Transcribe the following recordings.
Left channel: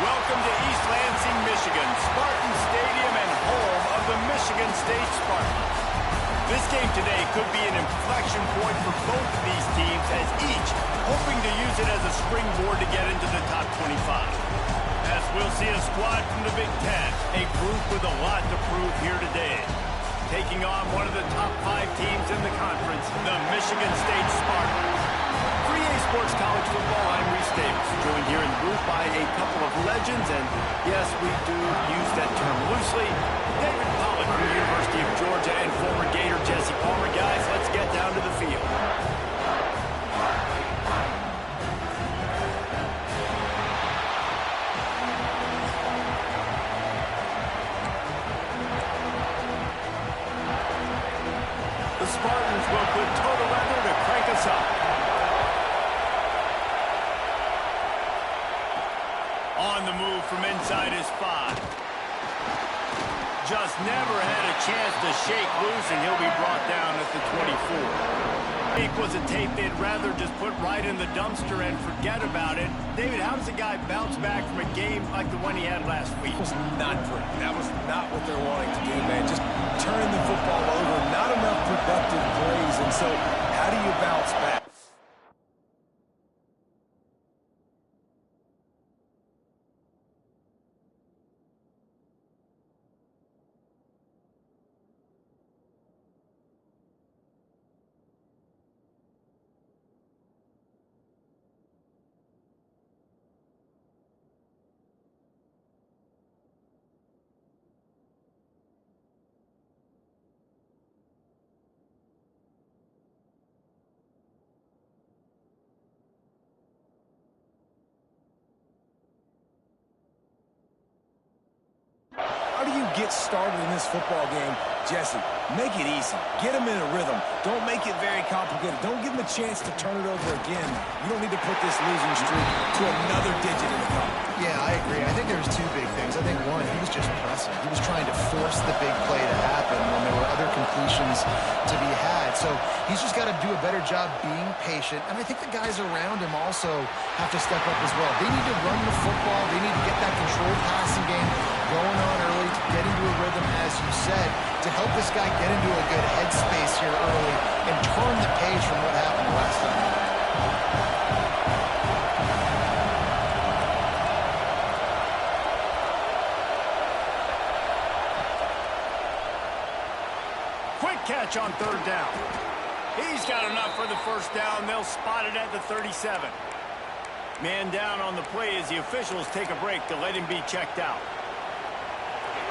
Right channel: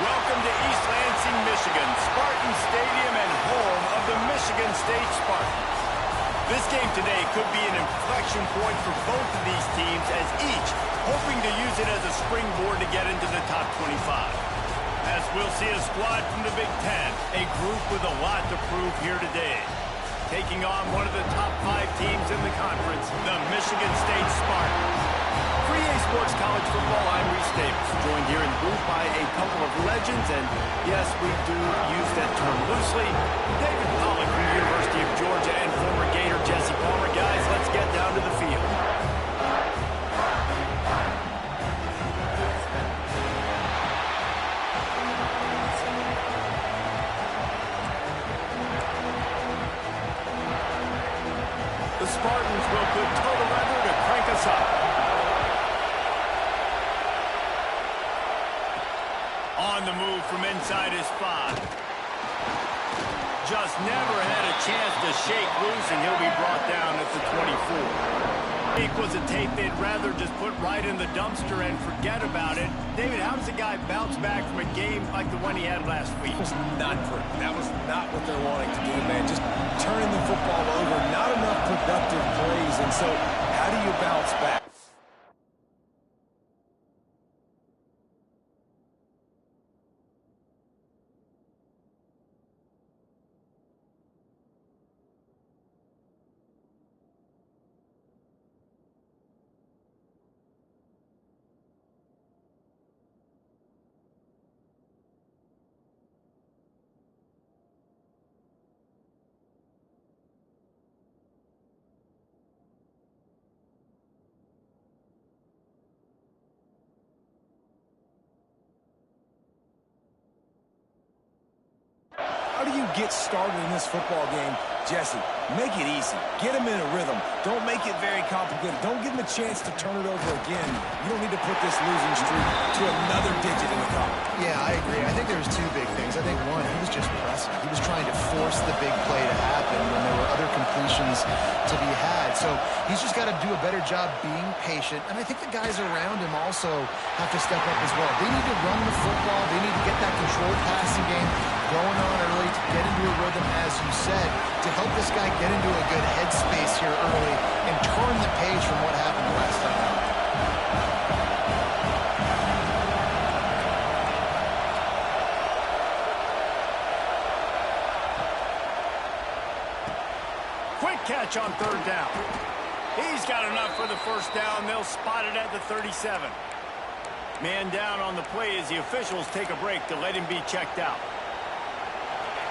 Welcome to East Lansing, Michigan, Spartan Stadium and home of the Michigan State Spartans. This game today could be an inflection point for both of these teams, as each hoping to use it as a springboard to get into the top 25. As we'll see a squad from the Big Ten, a group with a lot to prove here today. Taking on one of the top 5 teams in the conference, the Michigan State Spartans. For EA Sports College Football, I'm Reese Davis, joined here in the booth by a couple of legends, and yes, we do use that term loosely. David Pollack from the University of Georgia and former Gator Jesse Palmer. Guys, let's get down to the field. The Spartans will put total leather to crank us up. On the move from inside his 5. Just never had a chance to shake loose, and he'll be brought down at the 24. It was a tape they'd rather just put right in the dumpster and forget about it. David, how does a guy bounce back from a game like the one he had last week? That was not pretty. That was not what they're wanting to do, man. Just turning the football over, not enough productive plays, and so how do you bounce back? How do you get started in this football game, Jesse? Make it easy. Get him in a rhythm. Don't make it very complicated. Don't give him a chance to turn it over again. You don't need to put this losing streak to another digit in the column. Yeah, I agree. I think there's 2 big things. I think, one, he was just pressing. He was trying to force the big play to happen when there were other completions to be had. So he's just got to do a better job being patient. And I think the guys around him also have to step up as well. They need to run the football. They need to get that controlled passing game going on early to get into a rhythm, as you said, to help this guy get into a good headspace here early and turn the page from what happened last time. Quick catch on 3rd down. He's got enough for the 1st down. They'll spot it at the 37. Man down on the play as the officials take a break to let him be checked out.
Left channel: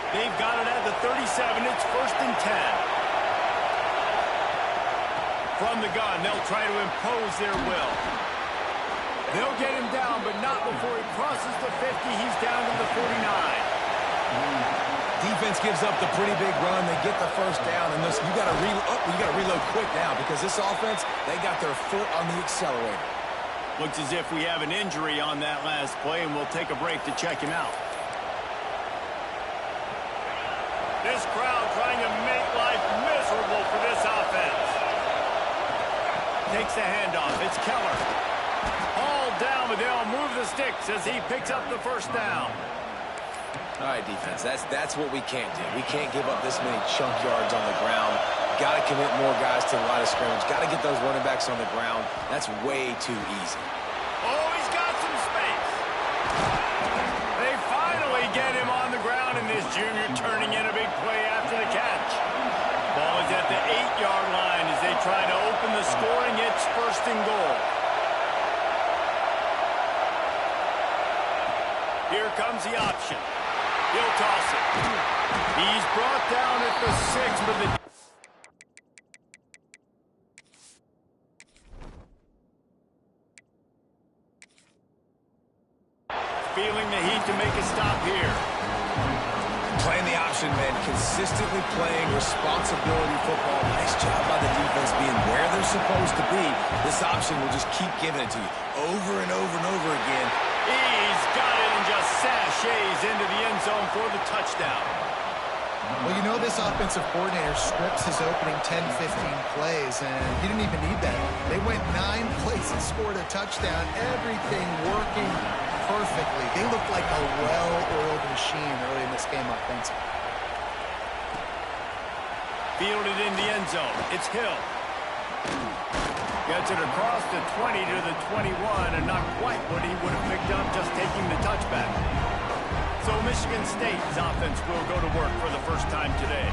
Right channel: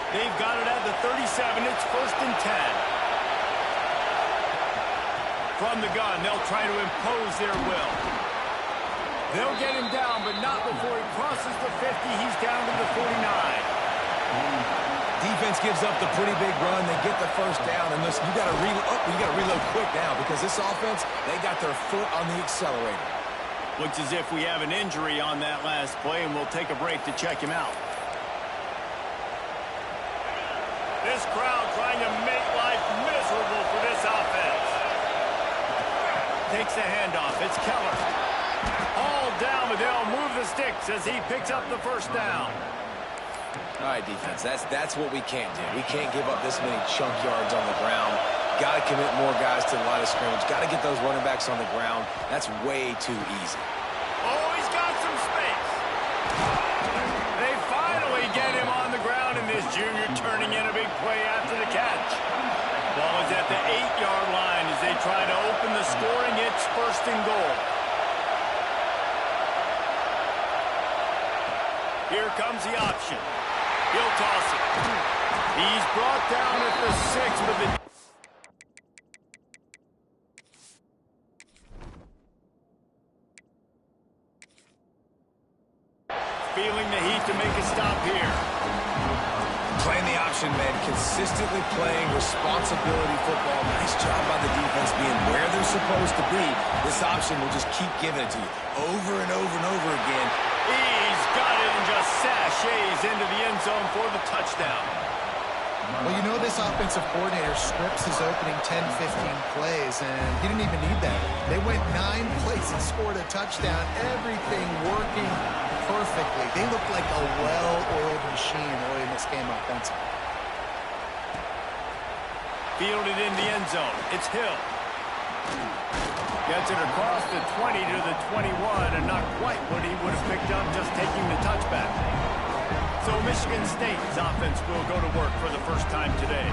They've got it at the 37. It's 1st and 10. From the gun, they'll try to impose their will. They'll get him down, but not before he crosses the 50. He's down to the 49. Defense gives up the pretty big run. They get the 1st down, and listen, you got to reload quick now because this offense, they got their foot on the accelerator. Looks as if we have an injury on that last play, and we'll take a break to check him out. This crowd trying to make life miserable for this offense. Takes the handoff. It's Keller. All down, but they'll move the sticks as he picks up the 1st down. All right, defense, that's what we can't do. We can't give up this many chunk yards on the ground. Got to commit more guys to the line of scrimmage. Got to get those running backs on the ground. That's way too easy. Oh, he's got some space. They finally get him on the ground, and this junior turning in a big play after the catch. Ball is at the 8-yard line as they try to open the scoring. It's 1st and goal. Here comes the option. He'll toss it. He's brought down at the 6, but the... Feeling the heat to make a stop here. Playing the option, man. Consistently playing responsibility football. Nice job by the defense being where they're supposed to be. This option will just keep giving it to you over and over and over again. He's got it and just sashays into the end zone for the touchdown. Well, you know this offensive coordinator scripts his opening 10, 15 plays, and he didn't even need that. They went 9 plays and scored a touchdown. Everything working perfectly. They looked like a well-oiled machine early in this game offensively. Fielded in the end zone. It's Hill. Gets it across the 20 to the 21, and not quite what he would have picked up just taking the touchback. So Michigan State's offense will go to work for the first time today.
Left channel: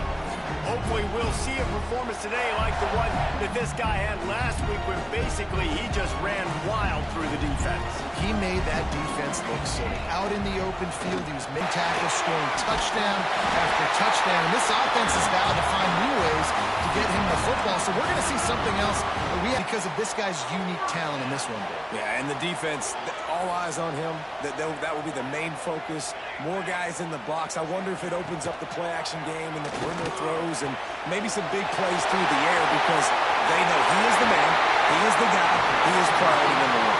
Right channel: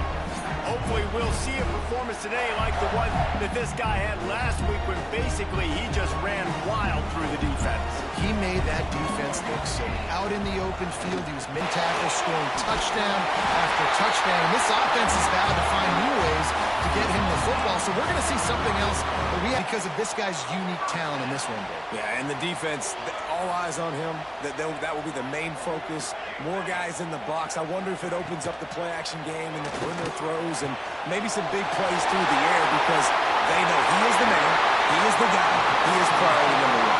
Hopefully we'll see a performance today like the one that this guy had last week when basically he just ran wild through the defense. He made that defense look silly. Out in the open field, he was mid-tackle, scoring touchdown after touchdown. And this offense has vowed to find new ways to get him the football. So we're going to see something else that we have because of this guy's unique talent in this one, Dave. Yeah, and the defense, all eyes on him. That will be the main focus. More guys in the box. I wonder if it opens up the play-action game and the perimeter throws and maybe some big plays through the air because they know he is the man, he is the guy, he is priority number 1.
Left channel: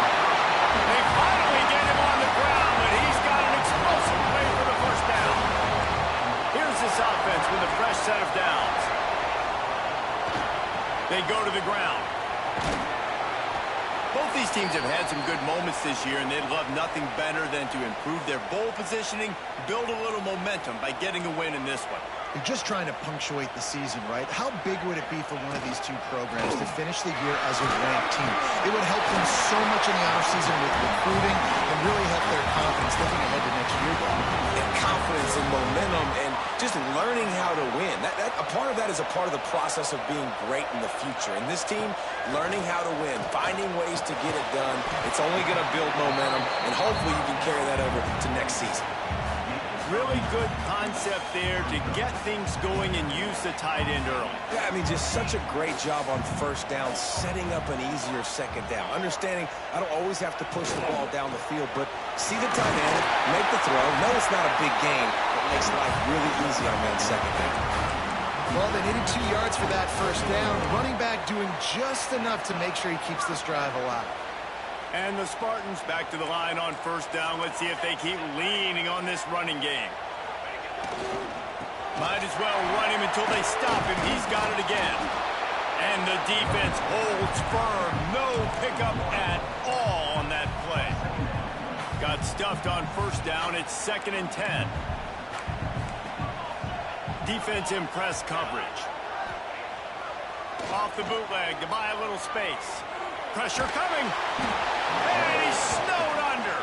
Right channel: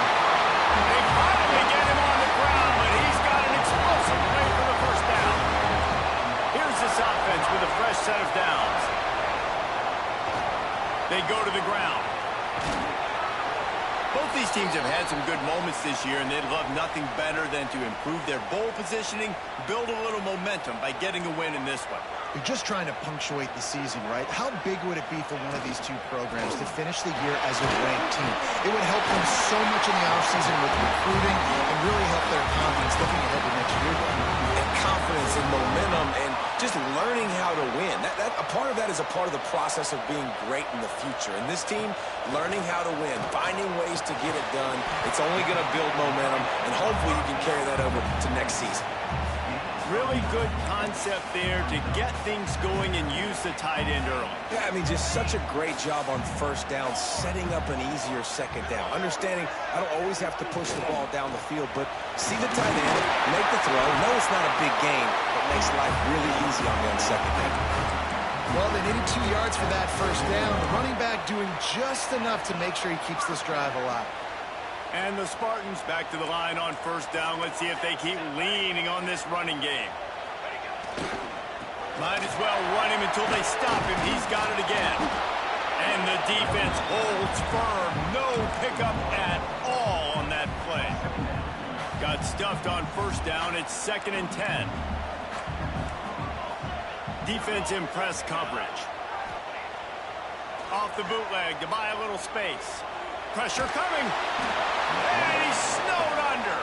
They finally get him on the ground, but he's got an explosive play for the first down. Here's this offense with a fresh set of downs. They go to the ground. Both these teams have had some good moments this year, and they'd love nothing better than to improve their bowl positioning, build a little momentum by getting a win in this one. You're just trying to punctuate the season, right? How big would it be for one of these two programs to finish the year as a ranked team? It would help them so much in the offseason with recruiting and really help their confidence looking ahead to next year. And confidence and momentum and just learning how to win. A part of that is a part of the process of being great in the future. And this team, learning how to win, finding ways to get it done, it's only going to build momentum, and hopefully you can carry that over to next season. Really good concept there to get things going and use the tight end early. Yeah, I mean, just such a great job on first down, setting up an easier second down. Understanding I don't always have to push the ball down the field, but see the tight end, make the throw. No, it's not a big gain, but makes life really easy on me on second down. Well, they needed 2 yards for that first down. The running back doing just enough to make sure he keeps this drive alive. And the Spartans back to the line on first down. Let's see if they keep leaning on this running game. Might as well run him until they stop him. He's got it again. And the defense holds firm. No pickup at all on that play. Got stuffed on first down. It's 2nd and 10. Defense in press coverage. Off the bootleg to buy a little space. Pressure coming. And he's snowed under.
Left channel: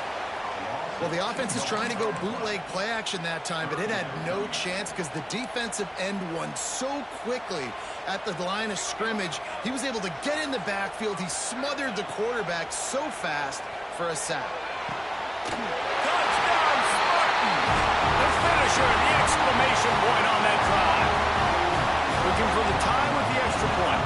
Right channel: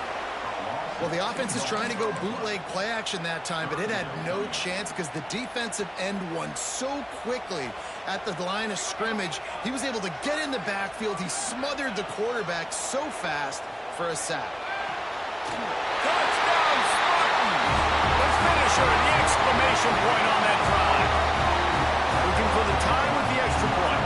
Well, the offense is trying to go bootleg play action that time, but it had no chance because the defensive end won so quickly at the line of scrimmage. He was able to get in the backfield. He smothered the quarterback so fast for a sack. Touchdown, Spartans! The finisher, the exclamation point on that drive. Looking for the tie with the extra point.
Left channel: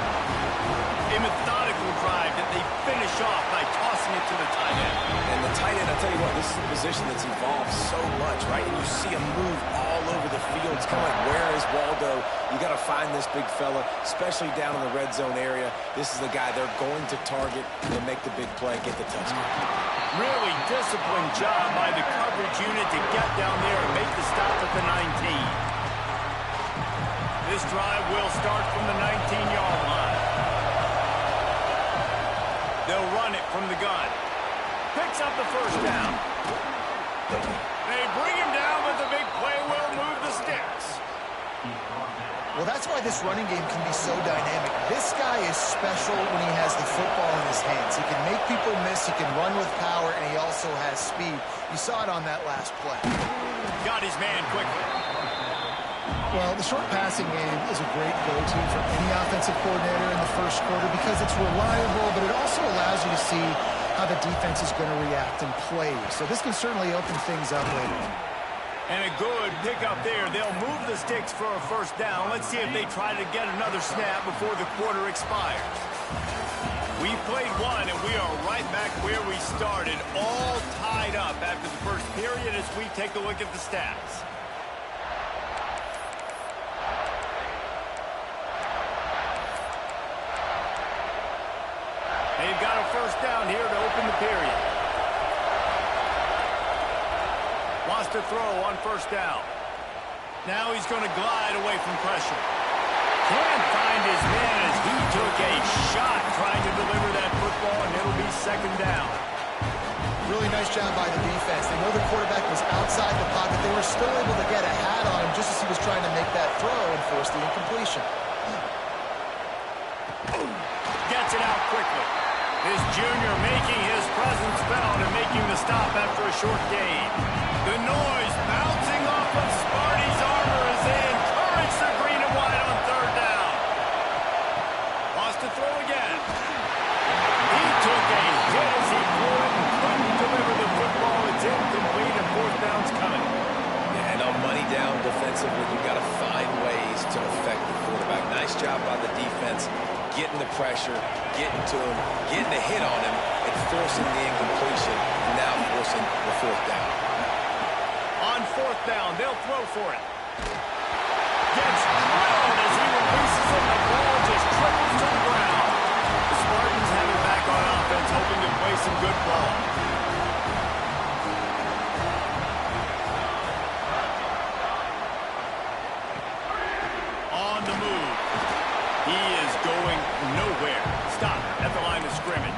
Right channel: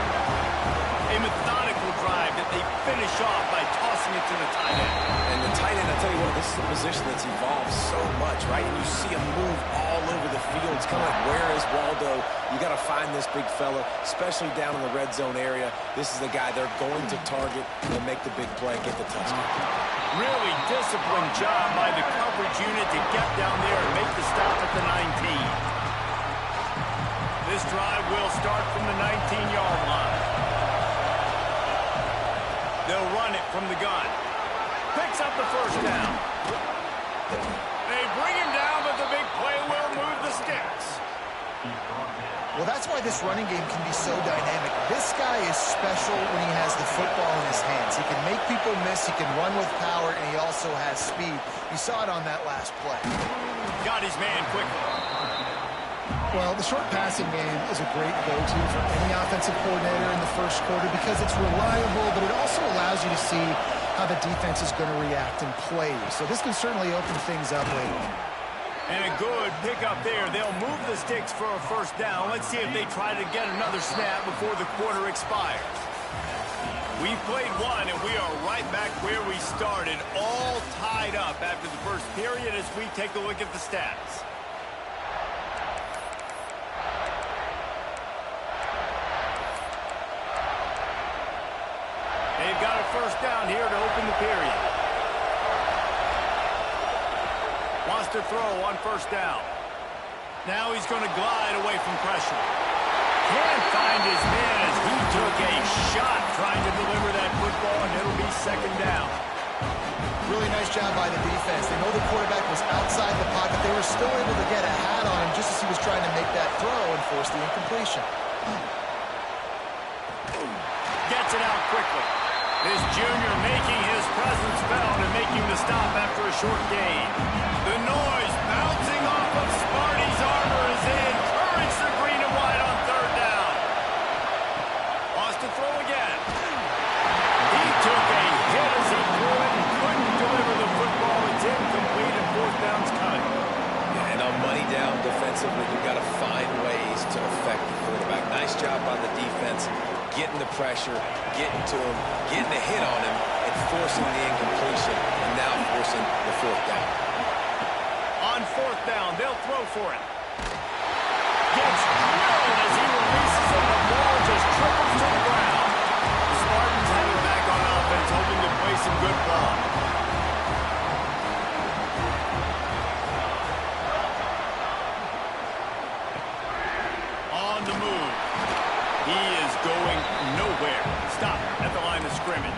A methodical drive that they finish off by tossing it to the tight end. And the tight end, I'll tell you what, this is a position that's evolved so much, right? And you see him move all over the field. It's kind of like, where is Waldo? You got to find this big fella, especially down in the red zone area. This is the guy they're going to target and make the big play, get the touchdown. Really disciplined job by the coverage unit to get down there and make the stop at the 19. This drive will start from the 19-yard line. They'll run it from the gun. Picks up the first down. They bring him down, but the big play will move the sticks. Well, that's why this running game can be so dynamic. This guy is special when he has the football in his hands. He can make people miss, he can run with power, and he also has speed. You saw it on that last play. Got his man quickly. Well, the short passing game is a great go-to for any offensive coordinator in the first quarter because it's reliable, but it also allows you to see how the defense is going to react and play. So this can certainly open things up later. And a good pickup there. They'll move the sticks for a first down. Let's see if they try to get another snap before the quarter expires. We've played one, and we are right back where we started, all tied up after the first period as we take a look at the stats. They've got a first down here to open the period. Wants to throw on first down. Now he's going to glide away from pressure. Can't find his man as he took a shot trying to deliver that football, and it'll be second down. Really nice job by the defense. They know the quarterback was outside the pocket. They were still able to get a hat on him just as he was trying to make that throw and force the incompletion. Gets it out quickly. This junior making his presence felt and making the stop after a short gain. The noise bouncing off of Sparty's armor as they encourage the green and white on third down. Wants to throw again. He took a hit as he threw it and couldn't deliver the football. It's incomplete and fourth down's coming. Yeah, and on money down defensively, you've got to find ways to affect the quarterback. Nice job by the defense. Getting the pressure, getting to him, getting a hit on him, and forcing the incompletion, and now forcing the fourth down. On fourth down, they'll throw for it. Gets drilled as he releases it, and the ball just triples to the ground. The Spartans have it back on offense, hoping to play some good ball. On the move. He is going nowhere. Stop at the line of scrimmage.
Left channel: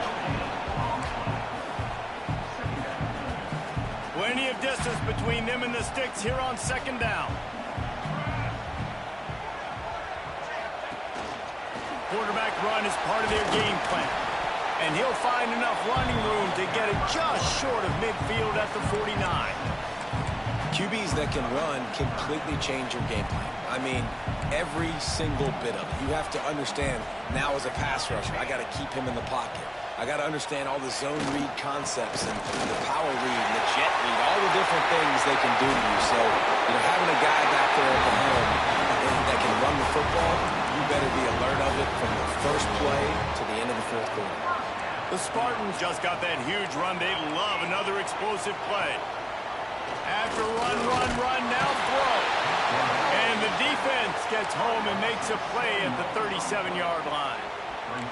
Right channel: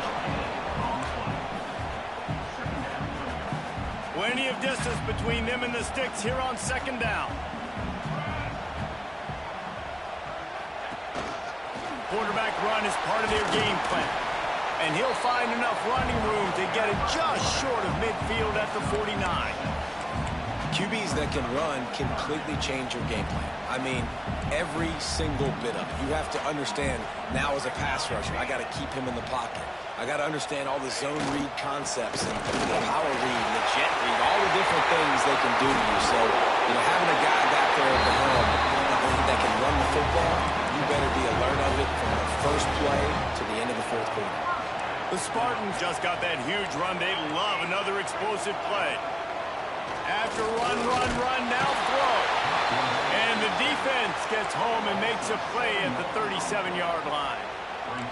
Plenty of distance between them and the sticks here on second down. Quarterback run is part of their game plan. And he'll find enough running room to get it just short of midfield at the 49. QBs that can run completely change your game plan. I mean, every single bit of it. You have to understand now as a pass rusher, I got to keep him in the pocket. I got to understand all the zone read concepts and the power read and the jet read, all the different things they can do to you. So, you know, having a guy back there at the helm that can run the football, you better be alert of it from the first play to the end of the fourth quarter. The Spartans just got that huge run. They love another explosive play. After run, now throw. And the defense gets home and makes a play at the 37-yard line.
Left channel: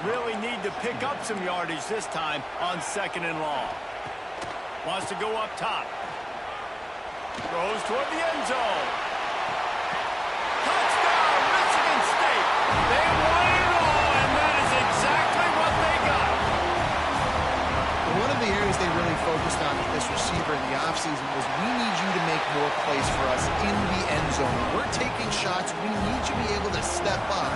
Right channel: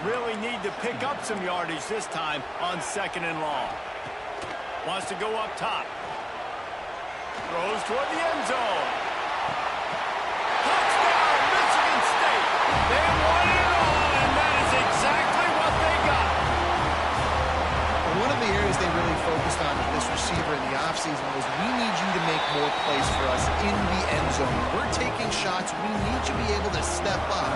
Really need to pick up some yardage this time on second and long. Wants to go up top. Throws toward the end zone. Touchdown, Michigan State. They won it all, and that is exactly what they got. One of the areas they really focused on with this receiver in the offseason was we need you to make more plays for us in the end zone. When we're taking shots, we need you to be able to step up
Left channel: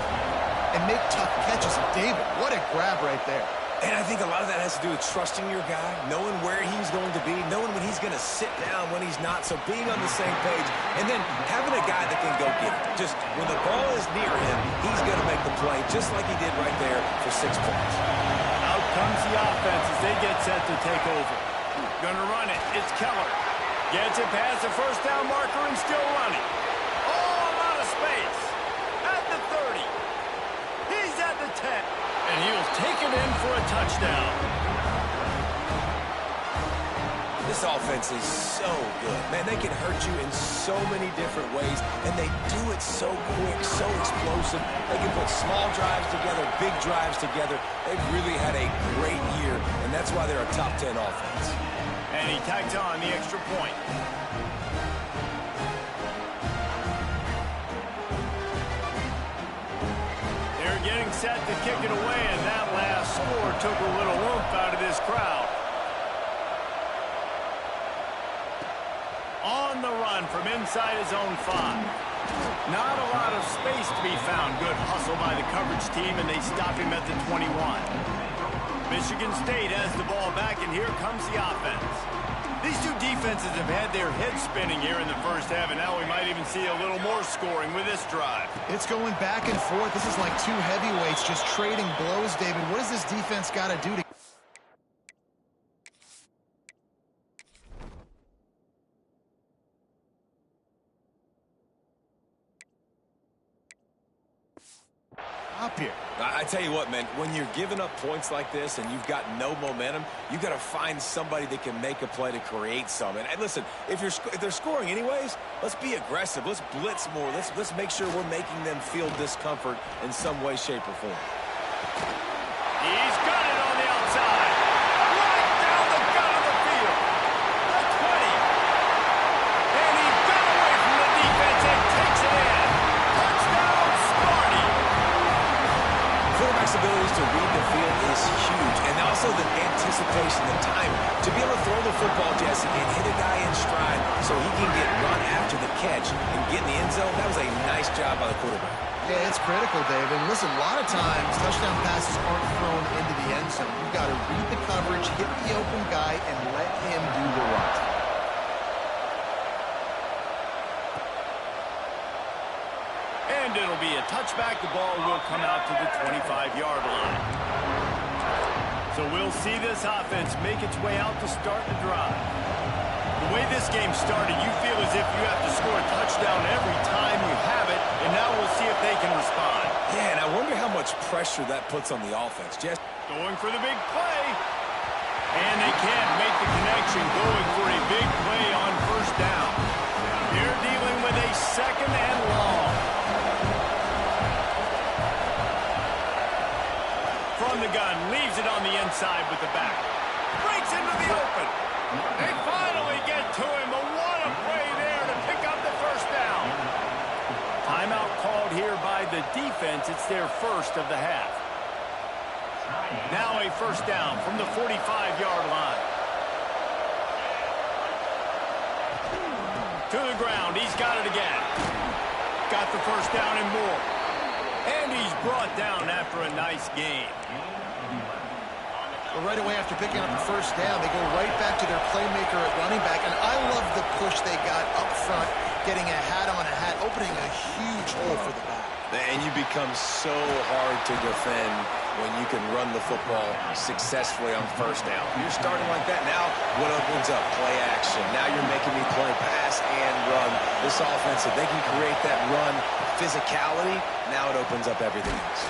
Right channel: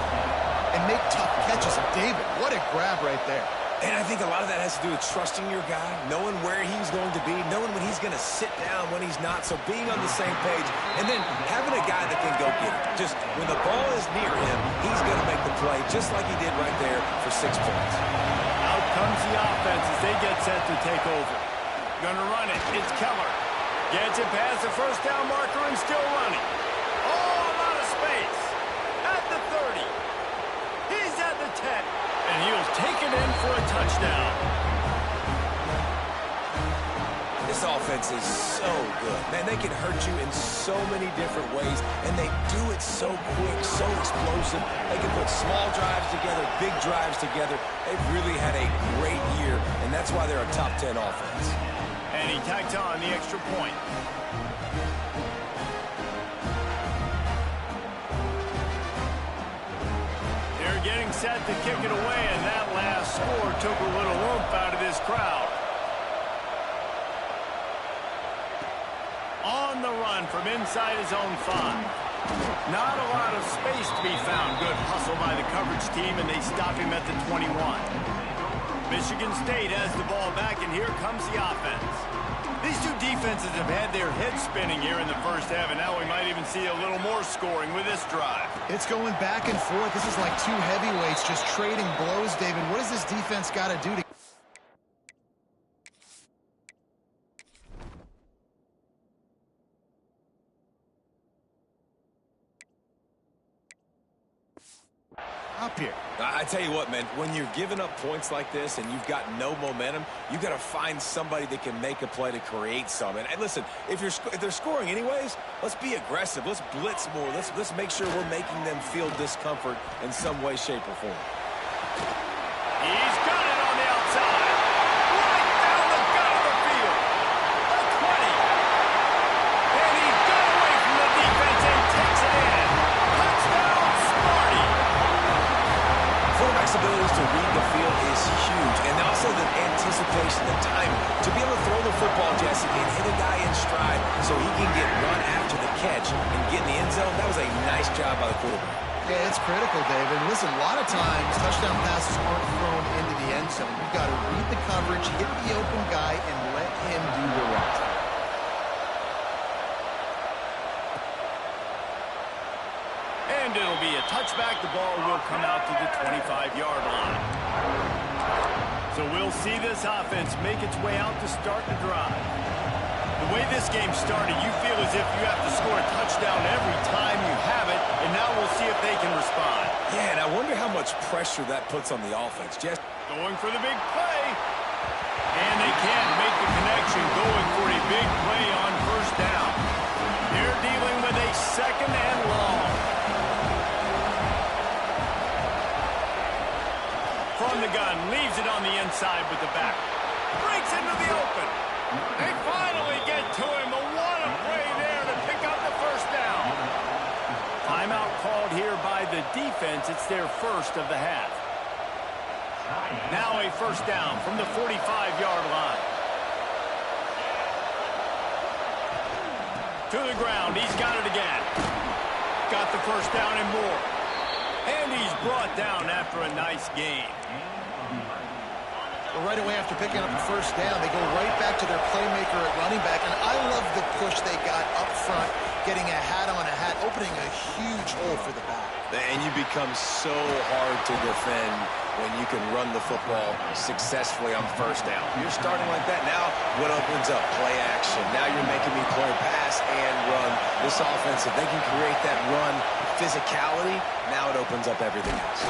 and make tough catches. And David, what a grab right there. And I think a lot of that has to do with trusting your guy, knowing where he's going to be, knowing when he's going to sit down, when he's not. So being on the same page, and then having a guy that can go get it. Just when the ball is near him, he's going to make the play just like he did right there for 6 points. Out comes the offense as they get set to take over. Gonna run it. It's Keller. Gets it past the first down marker and still running. Oh, a lot of space. At the 30. He's at the 10. And he'll take it in for a touchdown. This offense is so good. Man, they can hurt you in so many different ways, and they do it so quick, so explosive. They can put small drives together, big drives together. They've really had a great year, and that's why they're a top 10 offense. And he tags on the extra point. They're getting set to kick it away, and that last score took a little oomph out of this crowd. On the run from inside his own 5. Not a lot of space to be found. Good hustle by the coverage team, and they stop him at the 21. Michigan State has the ball back, and here comes the offense. These two defenses have had their heads spinning here in the first half, and now we might even see a little more scoring with this drive. It's going back and forth. This is like two heavyweights just trading blows, David. What does this defense got to do to... up here? I tell you what, man, when you're giving up points like this and you've got no momentum, you got to find somebody that can make a play to create some. And listen, if they're scoring anyways, let's be aggressive. Let's blitz more. Let's make sure we're making them feel discomfort in some way, shape, or form. He's got it on the outside. Right down the gut of the field. The 20. And he got away from the defense and takes abilities to read the field is huge. And also the anticipation, the timing. To be able to throw the football, Jesse, and hit a guy in stride so he can get run after the catch and get in the end zone, that was a nice job by the quarterback. Yeah, it's critical, Dave. And listen, a lot of times touchdown passes aren't thrown into the end zone. You've got to read the coverage, hit the open guy, and let him do the rest. And it'll be a touchback. The ball will come out to the 25-yard line. So we'll see this offense make its way out to start the drive. The way this game started, you feel as if you have to score a touchdown every time you have it, and now we'll see if they can respond. Yeah, and I wonder how much pressure that puts on the offense. Just going for the big play. And they can't make the connection, going for a big play on first down. They're dealing with a second and long. From the gun, leaves it on the inside with the back. Breaks into the open. They finally get to him, but what a play there to pick up the first down. Timeout called here by the defense. It's their first of the half. Now a first down from the 45-yard line. To the ground, he's got it again. Got the first down and more. And he's brought down after a nice game. Well, right away after picking up the first down, they go right back to their playmaker at running back. And I love the push they got up front, getting a hat on a hat, opening a huge hole for the back. And you become so hard to defend when you can run the football successfully on first down. You're starting like that. Now what opens up? Play action. Now you're making me play pass and run. This offense, if they can create that run physicality, now it opens up everything else.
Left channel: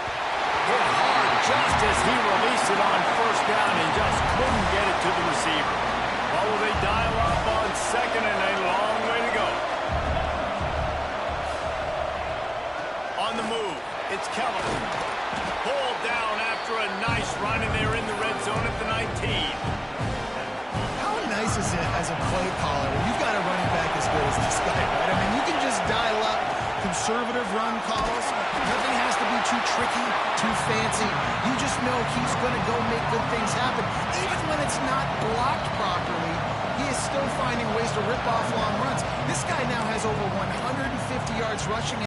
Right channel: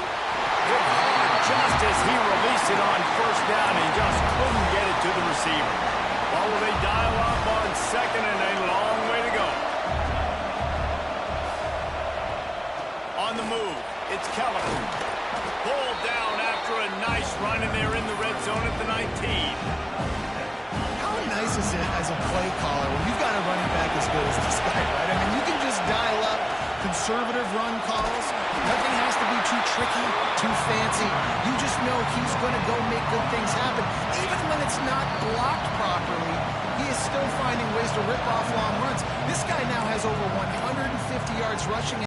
Hit hard just as he released it on first down and just couldn't get it to the receiver. Well, will they dial up on second and a long way to go? On the move, it's Keller. Pulled down after a nice run, and they're in the red zone at the 19. How nice is it as a play caller when you've got a running back as good as this guy, right? I mean, you can just dial up conservative run calls. Nothing has to be too tricky, too fancy. You just know he's going to go make good things happen. Even when it's not blocked properly, he is still finding ways to rip off long runs. This guy now has over 150 yards rushing.